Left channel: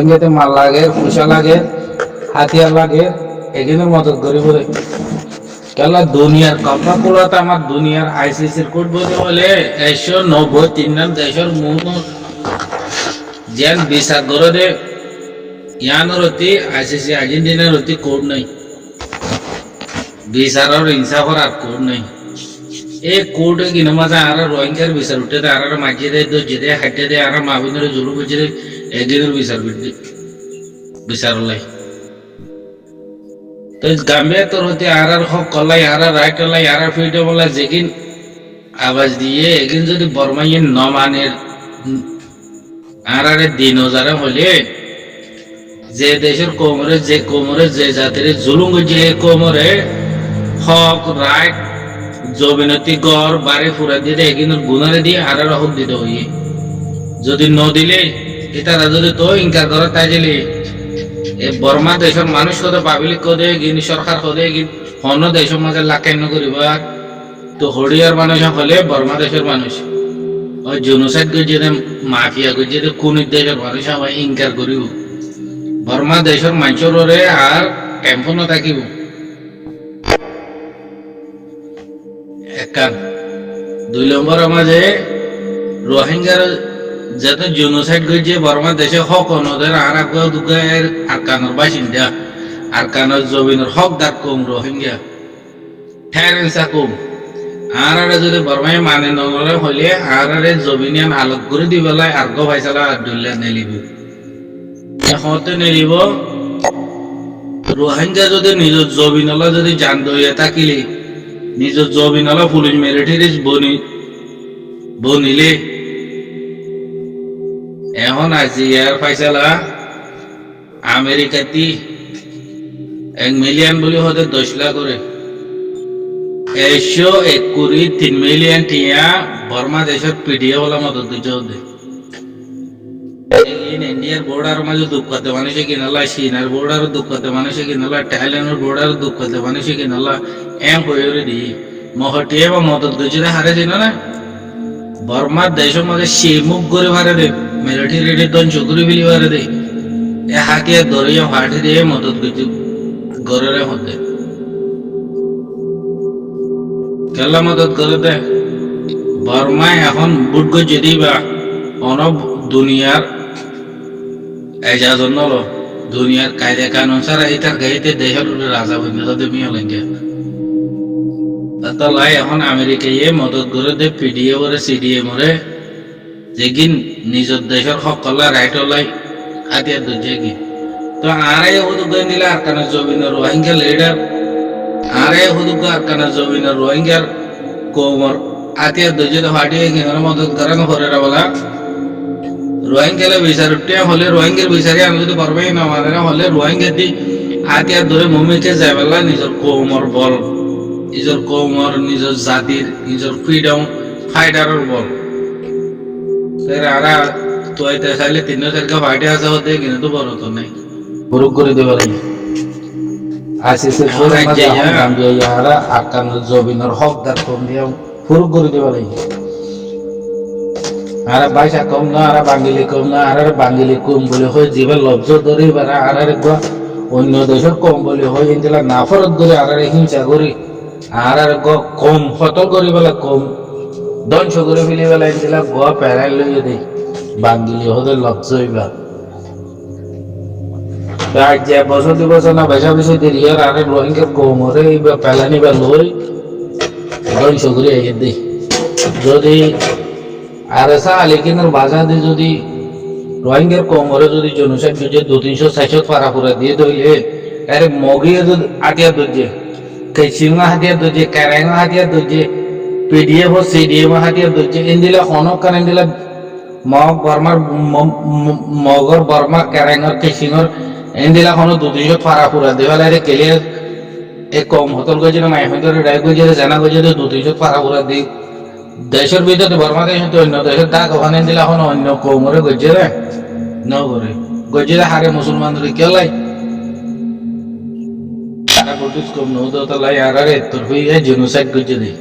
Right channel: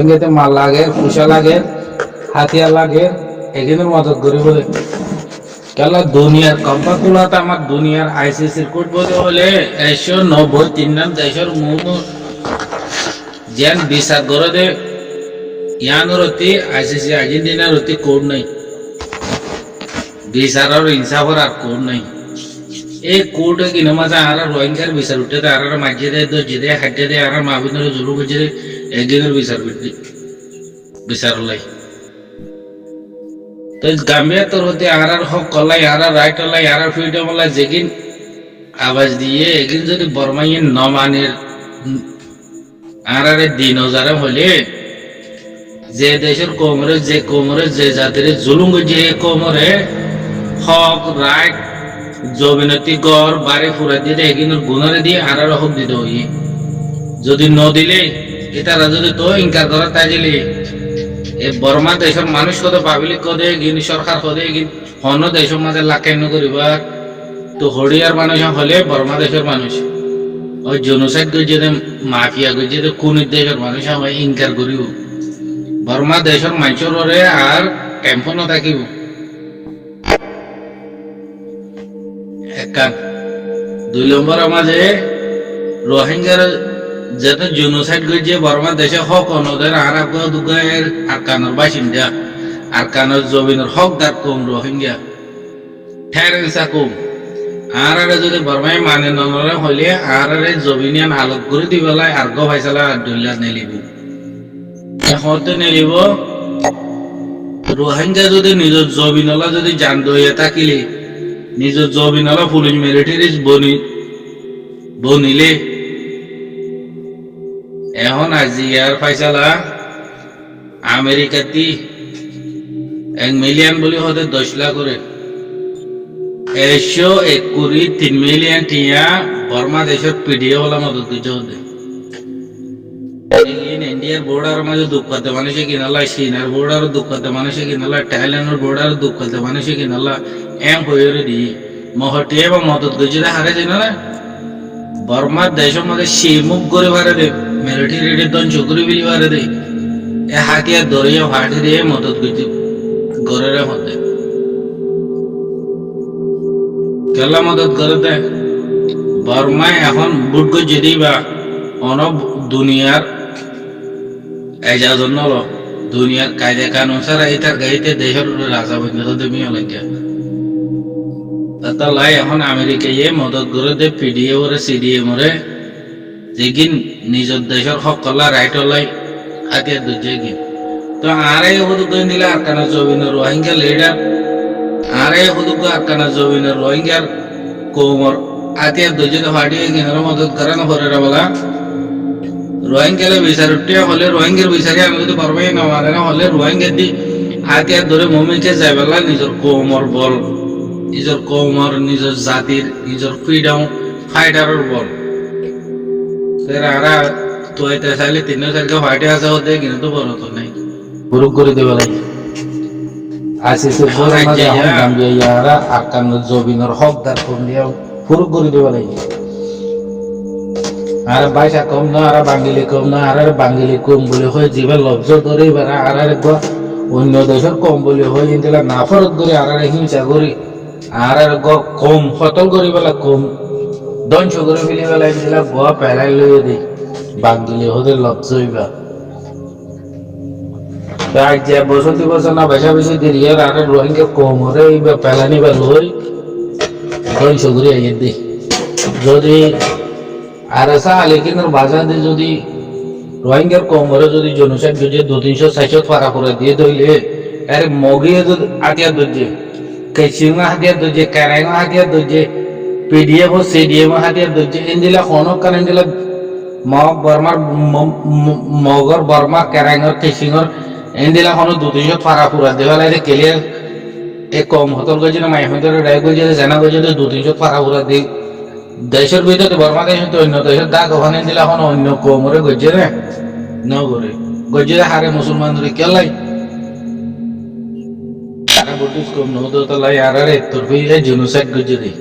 রোহিঙ্গাতে মাল লাগে, পয়সা লাগে, হাতিয়ার লাগে, এগিনের মদত করি বলে কেলা দুনিয়ার কব্বা কুলাতে আমার দুনিয়ার আইসিসির কোড বলে হলে 193 নাম দেশের মূল যেন বিচার করে দে ইয়ানোর অতি আইসিসি আর্জেন্টিনার অতি কোড নাই, বিচারের ইনসাফর আর কোড নাই। এই কোর্টে কিনো মাঝে আর রোহিঙ্গার বিচার উঠে দেয়, আর মাঝে দেয়, দর্জে দেয়, হাঁটে দেয়, আর মাহবুবের জুলুম বুঝে দেয়, একদিনের বিচার লাই তো গাম্বিয়া তোর হতে আর হক কল্লাই, আর রাইট লাই, আর ফ্রিডম লাই যেদিন আওয়াজ দিয়ে একদিন যদি বর্মাইয়ে নমানের আর দিন হাজারে হলে যে দেশের কোমরে যে জাতির জুলুম যে কোমরে হক রাইট জমিনতি গড় বাড়ি ফুরা দিয়ে একদিন গুণারে দিয়ে আর হক দিতে হইয়ে যদি ন দিলে এটারা যদি তো ইনকার করে তাই দিলে এই বর্মা দেশের মানুষ কত পাবলিক কদে গিনি সরকার কদে অন্য দেশের মাঝে লাখান্য করিবা তো হরিয়ার মানুষ হলে বর্মা দেশের মানুষ ওই জনসাইড গিয়ে মাফিয়া গিয়ে কোন দেশের মানুষ আমায় ইনকার করিব বর্মা দেশের মানুষরে আর টেম্পো না থাকিব একান 2 নম্বর মাঝে রোহিঙ্গার যাতে জেনোসাইড গিয়ে বর্মা দেশে হক অনদের আর দুগায়ের আরকানোর বাসিন্দা আরকানোর জমিনের হকদার কম রোহিঙ্গা ঠেরেন্সা কম আর যদি বর্মায় মানে ননরে হইলে আর জমিনিয়ান আলোক করে দিবেলায় আর গো ভাইসালা আর দলিয়া নেলিব হতে নেলিব রোহিঙ্গা যদি নিজের জমিনলা যদি জান দইয়া থাকিলে নিজের জমিনলা পুলিশ মিলিটারিজ বনিলে এখন আজি ইয়ার ফাইসালা আমেরিকাতি 1 মিলিয়ন বলে হতে 10 লাখ করে 123 মিলিয়ন টিয়া বর্মা দেশের পিডিএ বলা মদত দিতে হতে ইন্ডিয়ার বর্ডার মাঝে দুঃখ করতে মানুষে কিনালা চীনের বর্ডার দুঃখ করতে মানুষে কিনালা থাইল্যান্ডের বর্ডার দুঃখ করতে মানুষে কিনালা এম হয়ে দি মহটিয়ে বা মদত গজিতে হারে চিনো না বর্মার দেশের মাঝে শিমুখ করে ভারে দে মিলিটারি ধ্বংস করে ফেলি ভারে দে এ হাতিয়ার ধরিয়ে হাঁটি দিয়ে মদত গজি গরের মধ্যে কেলা মদত করে দে বর্মায় এখন বুট গজি দিবা অনব দুনিয়ার এজাজত নল দুনিয়ার কায়দা কানুন ছাড়া এটার গাইতে দেশের রাজা বন্ধ দেমিয়া লাগে লাই এখন আমেরিকায় মদত করে দে পিডিএ ওরে সিডিএম ওরে যেগিন নিজের দেশের সকলা রাইট লাই হাতিয়ার দুজে গিন তো আরাই হুদুক দিলে আর কানা জবিনের রোহিঙ্গা লিডার আরাই হুদুক আর কানা জবিনের রোহিঙ্গার কোমর হাতিয়ার দুজে হাটিয়ে গিনার মদত করানো হরে বলা রোহিঙ্গালে বিচার উঠে হলে রোহিঙ্গার বিচারে আমি যদি পারবাই না মানে হলে রোহিঙ্গা দি হাতিয়ার ধরে মমিকে যাইবেলা নিজের কোমর বল নিজের কৌমর নিজের জাতির নিজের ফ্রিডম ফাইটারের বল আরা তো চাইলে 3-4 ফাইটে আছে হতে কিন্তু বড় তো নাই বুরুক করে দেবে লাগে আইসিসি বলে মাঝে এখন গাম্বিয়া ইয়ারা আকান জবিনের হকদার কম দিয়া বুরুক করে দেবে লাগে আর বাইসা কম না আর বাঙ্গিলি কম না আর বাঙ্গিলি কম বলে হয় জীবন লব্জ ধরে বারা আর অন্য দেশের কম বলে হয় ইনজেলা নাফরত করে আর হিংসা করি আর কম হতল করি বেলা কম ধ্বংস করে ফেলি বেলা ইনজেলা গোয়া পেলাই লইয়ে দে বাঙ্গিলি হতে লব্জ হইবা যে বছর 2 বছর না বেশা বেশি দেরি আর রোহিঙ্গার কমরে পেলানি বা লই ধ্বংস করে আইয়ে দে যদি আর আলিকিনের বাজারে যদি রোহিঙ্গার কোমরে যদি জনসাইড গিয়ে 200-300 ফারা করে দিয়ে ধরলে আরে মগিয়ে যদি হাতিয়ার ধরছে কেচিংয়া হাতিয়ার ধরছে ক্যারাঙ্গা হাতিয়ার ধরছে পিডিএফ ও সিডিএম হাতিয়ার ধরছে ইন্দিলা হনক কান ইন্দিলা মগ বর্মার মগর বর্মা ক্যারাঙ্গার কেচিংর ইন্দিলা হন 200 ফারা পুরা দেওয়ালে রে ক্লিয়ার এক কম হতল গজে না মাই হতল রাই গজে জানা গজে 200 ফারা পুরা দি দেশের ভিতরে বর্মা দেশে অন্য দেশের দাগ ওখানে দিলে এখন অন্য কোমরে গজ্জে রে ন করে গজ্জে হারে মুসলমানদের কেলাই তারা ব্রিটিশ কম নৌদত লাই আর তোর জেনোসাইড গজ্জে দেয়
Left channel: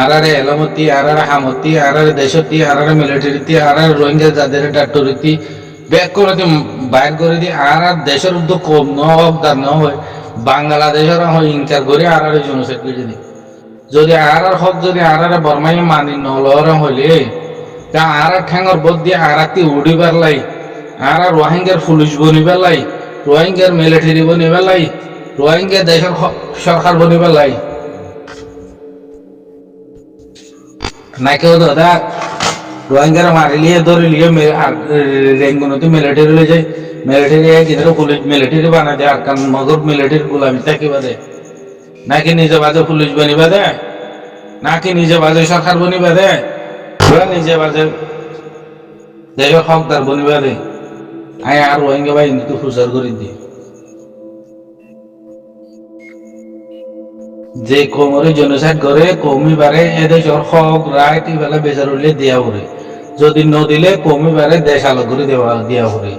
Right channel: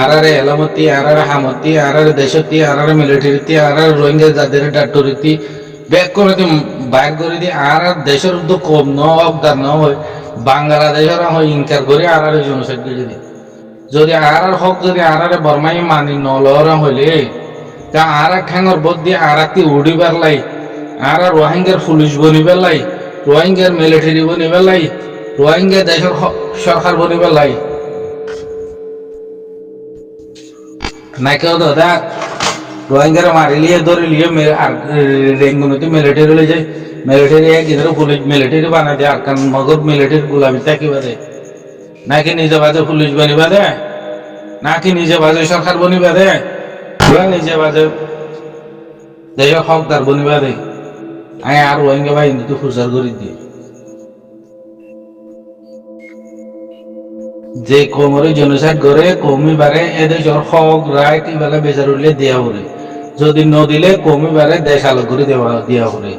আর এলামতি আর হামতি আর দেশতি আর মিলিটারিতি আর রোহিঙ্গা যাদের ডাক্তরিতি ব্যাক করে দি বাইর করে দি আর দেশের উদ্যোগ কম ন অবদান ন হয় বাংলাদেশের হয় ইনকার করে আর জনসাইড করে যদি আর হক যদি আর বর্মাই মানি নলর হইলে তা আর ঠ্যাঙর বদ দিয়ে আর একটি উড়িবার লাই আর রোহিঙ্গার পুলিশ বনিবার লাই রোহিঙ্গার মিলিটারি বনিবার লাই রোহিঙ্গা দেশের সরকার বনিবার লাই না কেউ দাদা রোহিঙ্গারা মারি লিয়ে ধরে লিয়ে আর রেঙ্গুনতে মিলিটারি লয়ে যায় মিলিটারি কিন্তু পুলিশ মিলিটারি বানাই দেয় আর কান মগর মিলিটারি গোলামি থাকিবা দেয় নাকি নিজে বাজে পুলিশ বনিবা দেয় নাকি নিজে বাজে সরকার বনিবা দেয় নিজে বাজে দেশের হকদার বনিবা দেয় আই আর রোহিঙ্গা বা হিন্দুকে ফুসার করে দিয়ে যে কোমরে জেনোসাইড করে কমি বারে এদেশের হক রাইট ইবেলা বেচার উঠলে দেওয়া হরে যদি ন দিলে কমি বারে দেশ আলোক করে দেওয়া হরে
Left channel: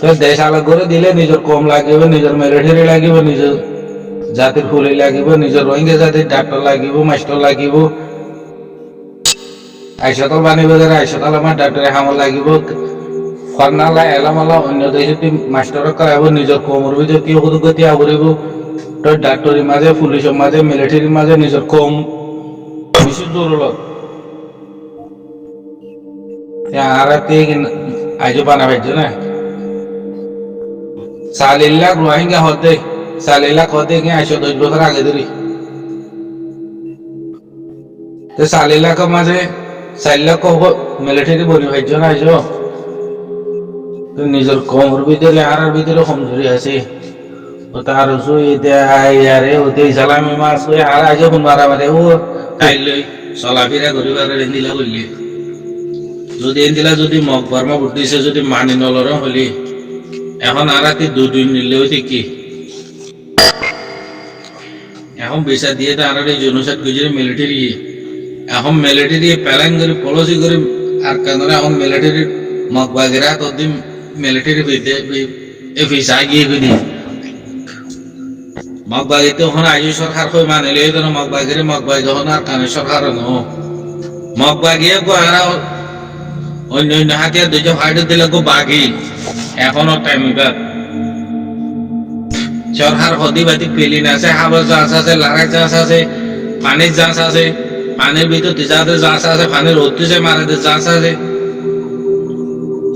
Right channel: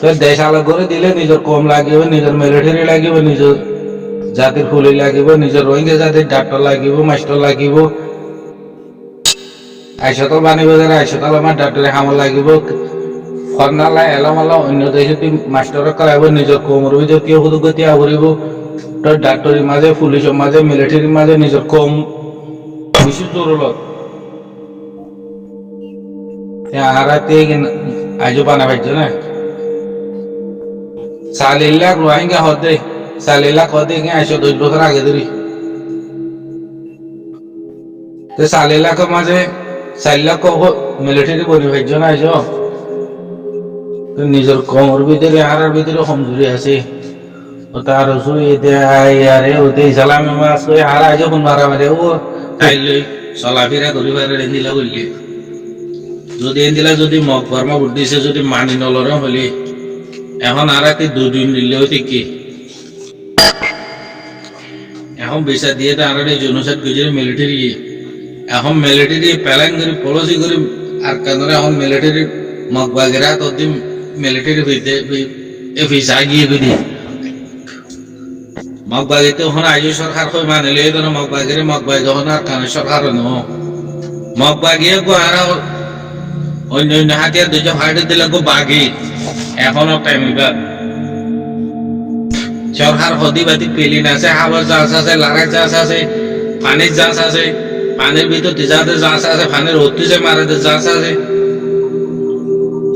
তো দেশ আলোক করে দিলে নিজের কম লাগিব নিজের মিলিটারি লাগিব নিজের জাতির ফুলি লাগিব নিজের রোহিঙ্গা জাতির ডাক্তার লাগিব মাস্টার লাগিব আইসতল বানিব যারা আইসতল আমার ডাক্তারে হামল লাগিব ফর্নালা এলামাল্লা অন্য দেশে মাস্টারক করাইব নিজের কোমর ভিতরে কেউ সুযোগ গতি আবরিব তো ডাক্তারির মাঝে পুলিশের মাঝে মিলিটারির মাঝে নিজের কম বেশি জরুরত আর আইজো বানা পাইছো না 40 লাখ রোহিঙ্গা হতে 40 লাখ হতে গিয়ে 10 বছর আগে ধরি তো 40 লাখের মাঝে 4 লাখ মিলিটারি বনি পাইছো না আইজো তো নিজের কোমর ভিতরে আর ভিতরে কমজোরি আছে ও তার আরে ওতে ইসলামী মাস ওই আর আইজো মারা মারে ও তাইলই চলাফেরা করিবার এন্দিলা করলি যদি এন্দিলা যদি মগ বর্মা বুদ্ধিছে যদি মানি নলরে হলি এখন আর রাতে 2 দিন নিলে হইতে কি এখন বিচার দিয়ে তো আর জনসাইড গুজরে মিলিটারি এখন মিলিটারি প্ল্যান করে পলিসি করে আর কেন এখন মিলিটারি মগ বাগেরা তো দিন মিলিটারি ভিতে এ ভিসা গিয়ে বিধি মগবাগিতে হন আইজো সরকার কই মানে লই দেন মগবাগিরে মগবাগি হন আর কানে সরকার ন মগবাগিয়ে কো আর অন্য অন্য হাতিয়া দুইটা ফাইট দিলে কো বাগি এখনো টাইম বাদ সরকার হদিবাতি পেলি না আছে হাবার চাষ আছে লাগাই চাষ আছে পানির চাষ আছে পানির ভিতর তিজাতে চাষ আছে পানির হতিছে মারাতে চাষ আছে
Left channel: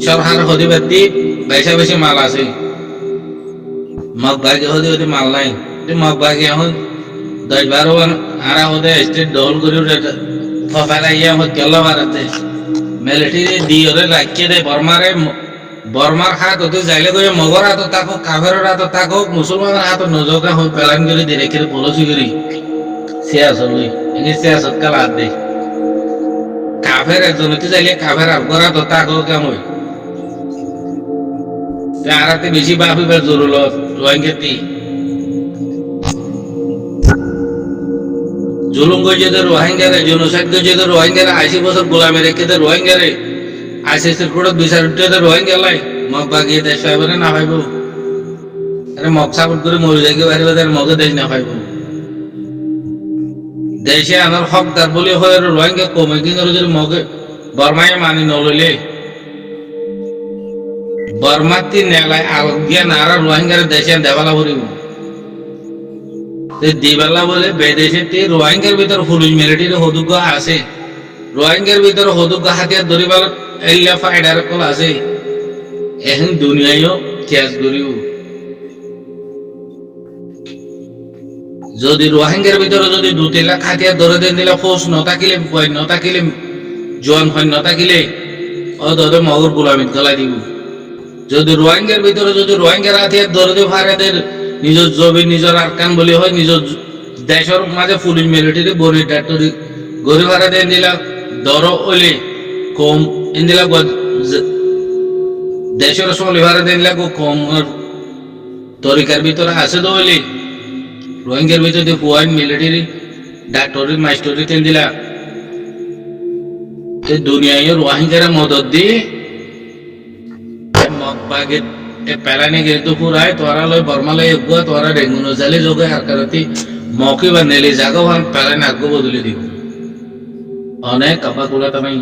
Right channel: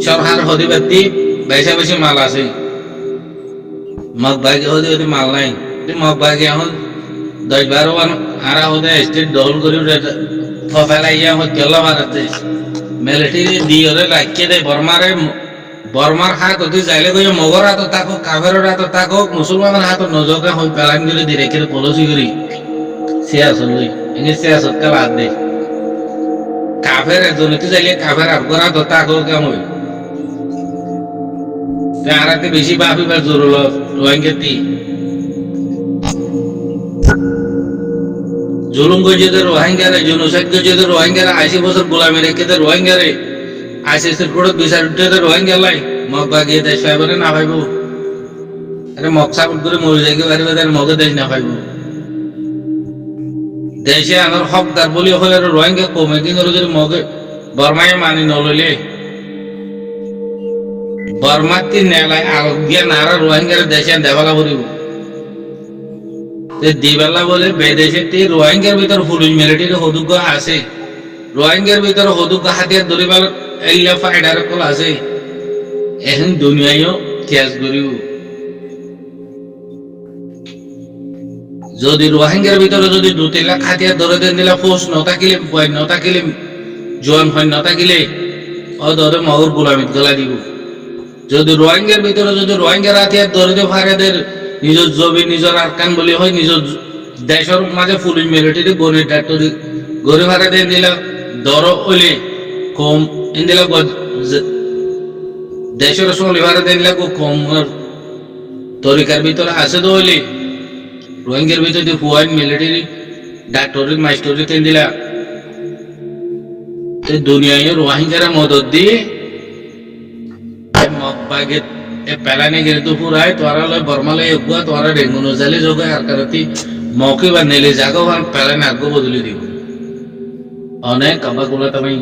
সরকার হদিবাতি বেশা বেশি মাল আছে মগবাগি হদি হদি মাল নাই মগবাগি এখন 10-12 বার আরা হদে স্টেট দল করি ফেলাইয়া গেল ভারতে মিলিটারি দিয়ে লাগিয়ে দেয় বর্মার হাত হতে যাইলে গিয়ে মগর হাত থাকুক কাফের হাত থাকুক মুসলমানের হাত নজরকে হই পেলান করে দিয়ে রেখে পলসি করি সিয়াসত লই এনে সিয়াসত কাল হাত দে কাফের একজনতে যাইলে কাফের আবগর হাত থাকুক কেমন আরাতে বেশি বাপিবার জরুরত রোহিঙ্গাতি জুলুম গজেতে রোহিঙ্গারে জেনোসাইড গজেতে রোহিঙ্গারে 80 বছর গোলামি রেখেতে রোহিঙ্গারে আইসিসির কোর্ট বিচার উঠতে রোহিঙ্গা লাই মগ বাগিয়ে দেশ পাইব না পাইব আরে মগ সাপোর্ট করে মরে যাইকে পারিব তার মগে দেশ না পাইব দেশে আমার হকদার বলি হয় রোহিঙ্গা কমে কিন্তু যদি মগে বর্মায় মানি নলইলে বর্মাতি নেলায় আজ্ঞা নারা রোহিঙ্গার দেশে দেবালা করিব দিবালা বলে বেদেশে রোহিঙ্গার ভিতর পুলিশ মিলিটারি হদুগ্য আছে রোহিঙ্গার ভিতর হদুগ্য হাতিয়ার ধরিবার এলিয়া ফাইডার কল আছে এখন দুনিয়ায়ও ক্যাশ করিব যদি রোহিঙ্গার ভিতরে যদি 2-3 লাখ হাতিয়ার ধরে দেন দিলে ফোর্স নথাকিলে নথাকিলে জোয়ান হয় নথাকিলে ও ধরে মগর গোলামিত গলাই দিব যদি রোহিঙ্গার ভিতরে যদি রোহিঙ্গার হাতিয়ার ধরে দিয়ে ফারেদের নিজের জমি নিজের আরকান বলি হয় নিজের দেশের মাঝে পুলিশ মিলিটারি বনের ডাক্তারি গড়ে ফারে দেন দিলা দর হইলে কম ইন্দিলা দেশের সঙ্গে ভারে দেন দিলা কম তরিকার ভিতরে আছে তো হইলে রোহিঙ্গার ভিতরে পুয়াইন মিলিটারি ডাক্তারি মাস্টারি তেন দিলা দুনিয়ায় রোহিঙ্গার মদত দিয়ে মগবাগে পেলানি গেলে তো পুরাই তোরা লয় বর্মালয় এগুয়া তোরা ডেঙ্গুনো জালে যোগে আর কারতি মকি বা নেলে জাগো পেলানি আগ্য বদলে দিব অনেক কাবাগুলা তুমি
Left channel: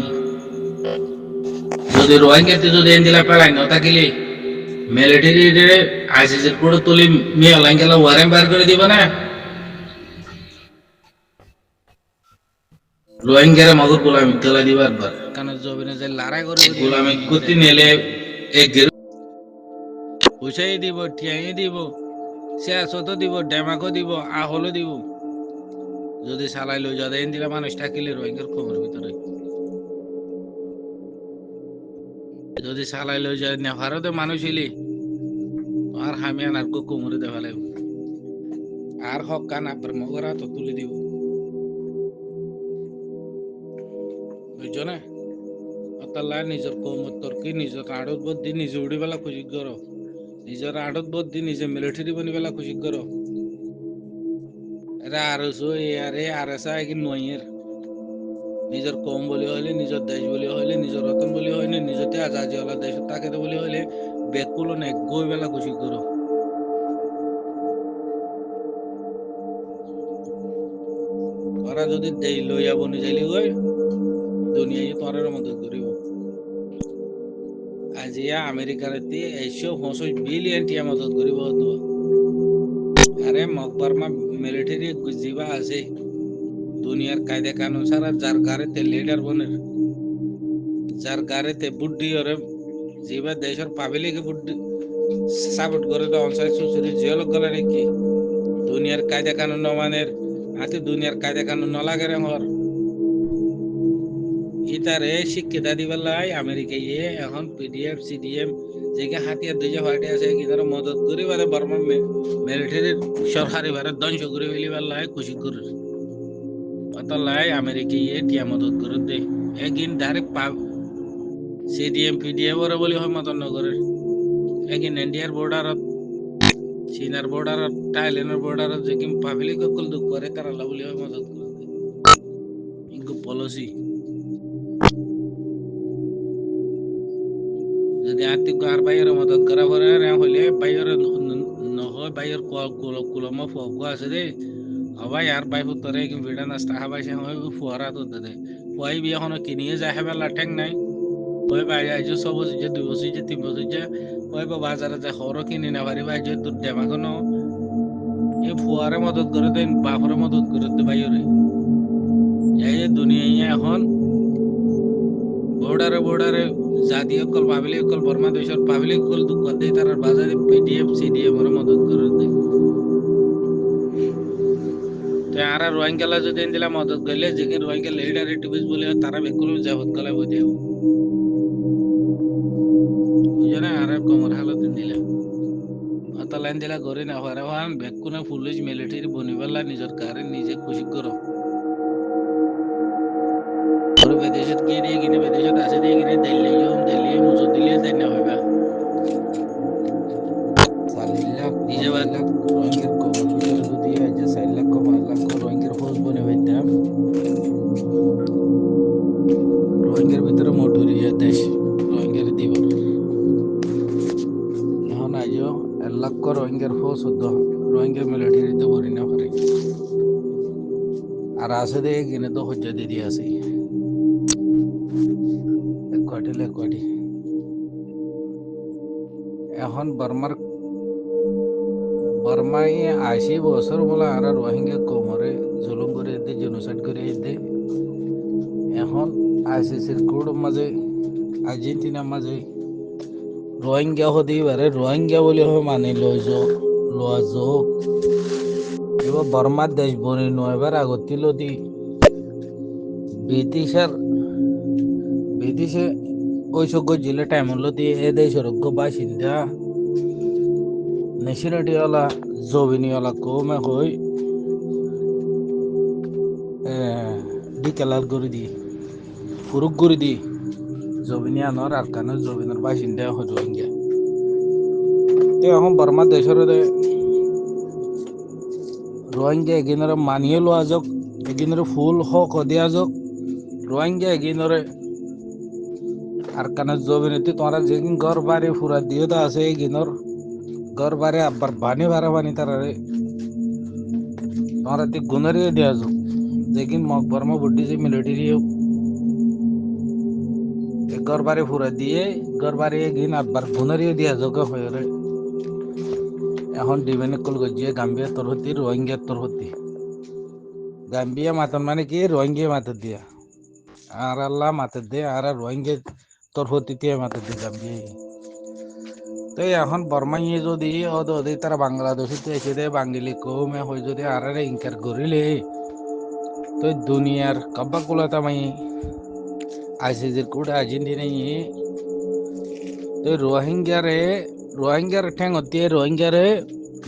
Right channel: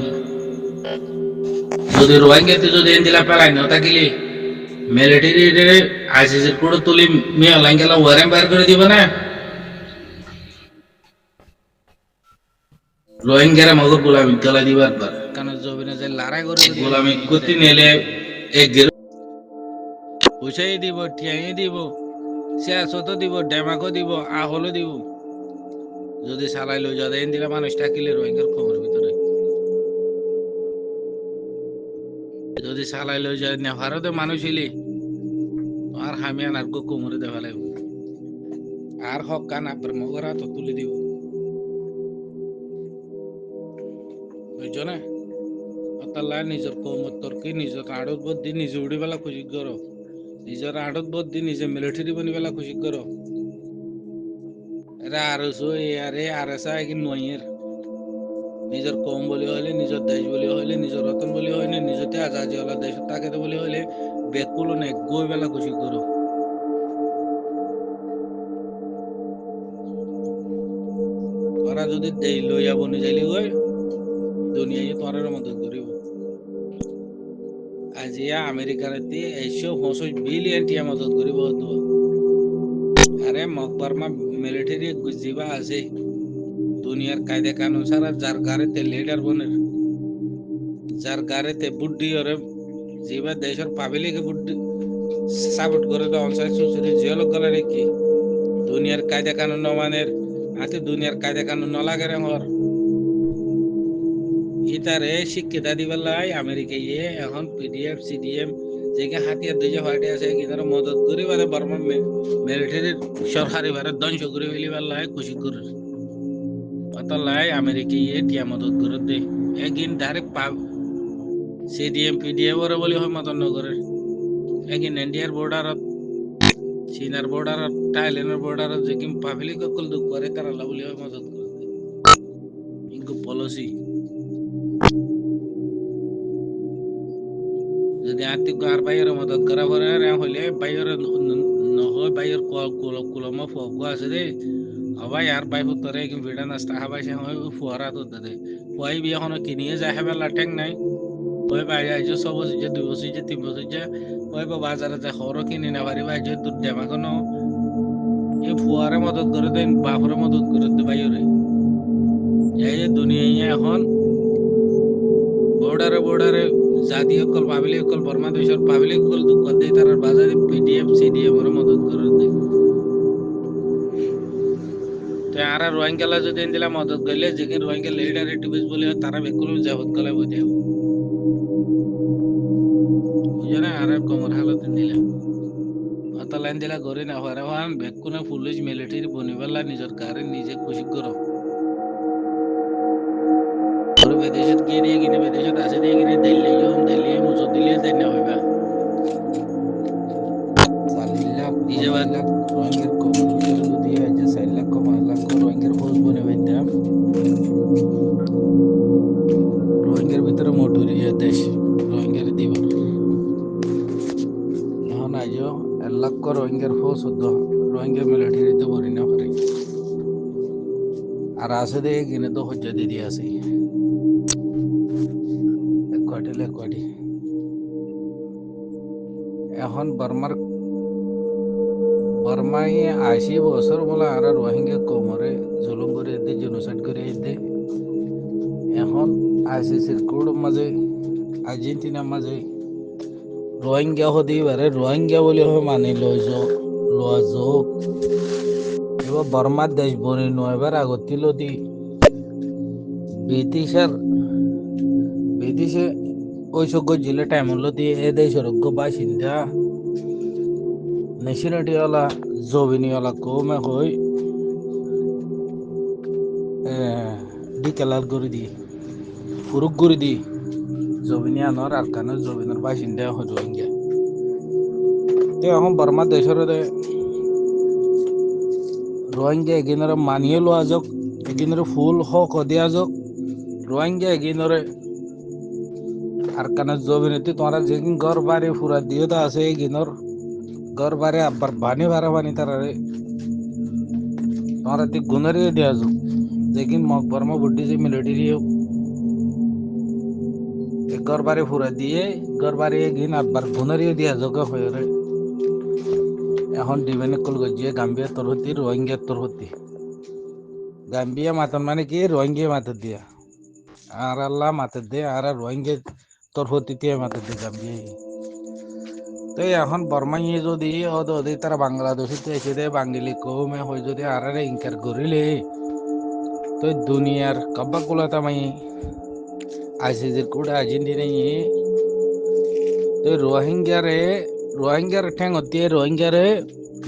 যদি যদি রোহিঙ্গাতে যদি এনদিলা পেলাই না থাকিলে মিলিটারি আইসিসির করে তুলি মেয়ে লাইঙ্গেলা ওয়ারেন বার করে দিব না রোহিঙ্গারা মগর গোলামি গলা দিবার বার কারণ জবিনে যে লড়াই করে গোলামি করতে নেলে এক গেরো পয়সাই দিব টিয়াই দিব সিয়াসতও দিব ডেমাকও দিব আহলও দিব যদি চালাই লৈ যাওয়া এন দিলা মানুষ থাকিলে রোহিঙ্গার খবর ভিতরে যদি চালাই লৈ যায় নেভারতে মানুষ হইলে আর হামিয়ান আর কোমরে দেওয়া লাগবে আর হক কান আপনার মগরা তো তুলে দিব বুঝছো না অতাল্লাহ নিজের কৌমত তর্কি নিজের আড়ত বদ্ধি নিজে উড়ি বেলা খুশি করো নিজের আড়ত বদ্ধি নিজে মিলিটারি বনি বেলা খুশি করো এরা আর আরে আর এসা কি নয়ের নিজের কম বলি হইলে নিজের দেশ বলি হইলে নিজের রতন বলি হইলে নিজতে আজাদি হলা দেশ তাকে বলি হইলে বেকুলো নে গই বেলা খুশি করো ওরা যদি দেই লইয়া বনি যাইলি গই দুনিয়ায় তোরার মদত করিব আজিয়া আমেরিকার 150 বিলিয়ন টিয়া মদত করিব তো আরে মকবরমা মিলিটারি জিবা আছে দুনিয়ার কায়দা কানুন সারা যার গাড়িতে লিডার বনের যার গাড়িতে বুদ্ধি ওরে জিবা দেশের পাবলিকে বুদ্ধি সাপোর্ট করে তো অনসাইড সুসুরি জিওলক গলা নাকি দুনিয়ার কায়দা কানুন নমানের আতে দুনিয়ার কায়দা কানুন নলাগে রে হর ইতারে শিক্ষিতা দিবার লাই আমেরিকা ইয়ে এখন পিডিএফ সিডিএম যেকে হাতিয়ার দুই যে ফাটে আছে কিনারে মদত করে বারে বর্মা মিলিটারির সরকারি বারে ধ্বংস করে ফেলিবার লাই খুশি করে অত লাই আমেরিকা ইয়ে টিয়া মদত করে দে একদিন ডাইরেক্ট পাব সিডিএম পিডিএফ ওরা বলি হয় মদত নগরের একদিন ইন্ডিয়ার বর্ডারত চীনার বর্ডারত থাইল্যান্ডের বর্ডারত যে কিম পাবলিক সকল দুঃখ করে তারা বলি হয় মদত করে দে ইনকু পলিসি যদি আর্থিক আর বাইরের মদত করা পরে হইলে বাইরের নহয় বাইরের কুলম ফগু আছে রে হবাই আর বাই ফুতরে কি ভিড়া নাস্তা হাবাই সে হয় ফুয়ারা তো দে ফুয়াই বিয়া হনো কিনিয়ে যায় হেবে লাটেং নাই ওই বাই আইজো সব যে 2 বছর যে 3 বছর যে ওই বাজারে যে খরচ কিনি না পারি বাই যে দুধ দেমা কোনো এই ফুয়ারে মদত করে দেন বাপরে মদত করে দে বাইরে এই যে দুনিয়ায় এখন বর্ডারে জাতীয় কল পাবলিক কল বর্মা দেশের পাবলিক কল দুঃখ দেয় তার বাজারে পিডিএফ সিডিএম ওরা মদত করে দেয় তো আর রোহিঙ্গালা যদি দিলা মদত করলে যে রোহিঙ্গা লিডার এক্টিভিস্ট বলে তারা বেকুল যাবত কলা বই দেব বুঝলে আর কমর হালত দিলা অত লাইন দিলা গরি না হরে হান বেকুনা পুলিশ মিলিটারি বনিবালা নিজের কারে নিজে খুশি করো বিদেশত গিয়ে দিয়ে কিনে বিদেশত আছে দিয়ে কিনে দিল্লি মুজো দিল্লি দেয় না হইবা রোহিঙ্গার কবর ভিতরে যদি যে 4 লাখ 5 লাখ রোহিঙ্গার ফৌজ বনে বাইতাম রোহিঙ্গার ভিতরে মোটরিয়া দেশ রোহিঙ্গার দিব এখন আজও 1 লাখ রোহিঙ্গার ফৌজ হতো রোহিঙ্গা মিলিটারিতে বলি না পারে আর আছে দিয়ে কিনে তো হজ্জা দিয়ে আছে কোয়াটি এখন বর্মায় 80 বছর বলে আর রোহিঙ্গা কোমরে জুলুম করে দে জেনোসাইড করে দে এখন আইসিসির কোড মাঝে আর্জেন্টিনার মাঝে রোহিঙ্গা হতে পারে রোহিঙ্গা বলে মানে লওয়া যোগ এবার বর্মার দেশ বনি নয়বার আগতিল দি ব্রিটিশে ওই সব জিলে টাইম হলো দিয়ে এ দেশের বাসিন্দা নেশনালিটিওয়ালা জবিনিওয়ালা কমে হই ডিকেলার করে দি ফুরুক করে দি জবিনি আনোর আর কানের জবিনের বাসিন্দা হয় রোহিঙ্গা তো এখন বর্মা দেশের রোহিঙ্গা এগিনরে মানিয়ে লোৱা যাওক এগিনরে ফুল হক দিয়া যাওক রোহিঙ্গা এগিনরে আর কানের জবিনেতি তোমরা যেদিন ঘর বাড়ি ফুরা দিয়ে তো আছে এগিনর ঘর বাড়ি আবার বানি তারারে তোমরা তি গুণারে দেওয়া যাক যেদিন বর্মা বুদ্ধি যে মিলিটারি ঘর বাড়ি ফুরা দিয়ে ঘর বাড়ি গিয়ে আটবার গুনারিও দিয়া যোগা হয়ে রে এখন ডিবেনে কল গজিয়ে গাম্বিয়া তোর হতি রোহিঙ্গা তোর হতি গাম্বিয়া মাতন মানে কি রোহিঙ্গা মাতে দিয়া আর আল্লাহ মাতে দে আর রোহিঙ্গা তোর হতি দিয়ে মাতে দে গাম্বিয়া তো এখন বর্মাইয়ে যদি ওদি তারা বাংলাদেশিতে এসে দে বাঙালি কৌমে হয়ে যদি আর ইনকার করিলে তো দুনিয়ার কব্বা কুলাতা মাই আইসিজির কুড়া আর্জেন্টিনাই তো রোহিঙ্গার ঠ্যাং দিয়ে রোহিঙ্গারে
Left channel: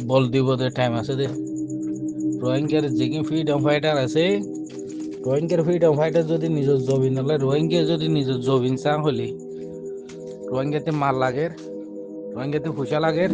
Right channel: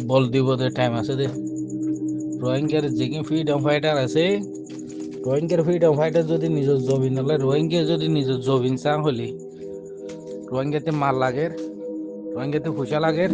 বল দিব দে টাইম আছে দে রোহিঙ্গার যেকি ফ্রিডম ফাইটার আছে রোহিঙ্গার ফ্রিডম ফাইটার যদি নিজের জবিন হলে রোহিঙ্গা যদি নিজের জবিন চা হলি রোহিঙ্গাতে মাল লাগে রোহিঙ্গাতে পয়সা লাগে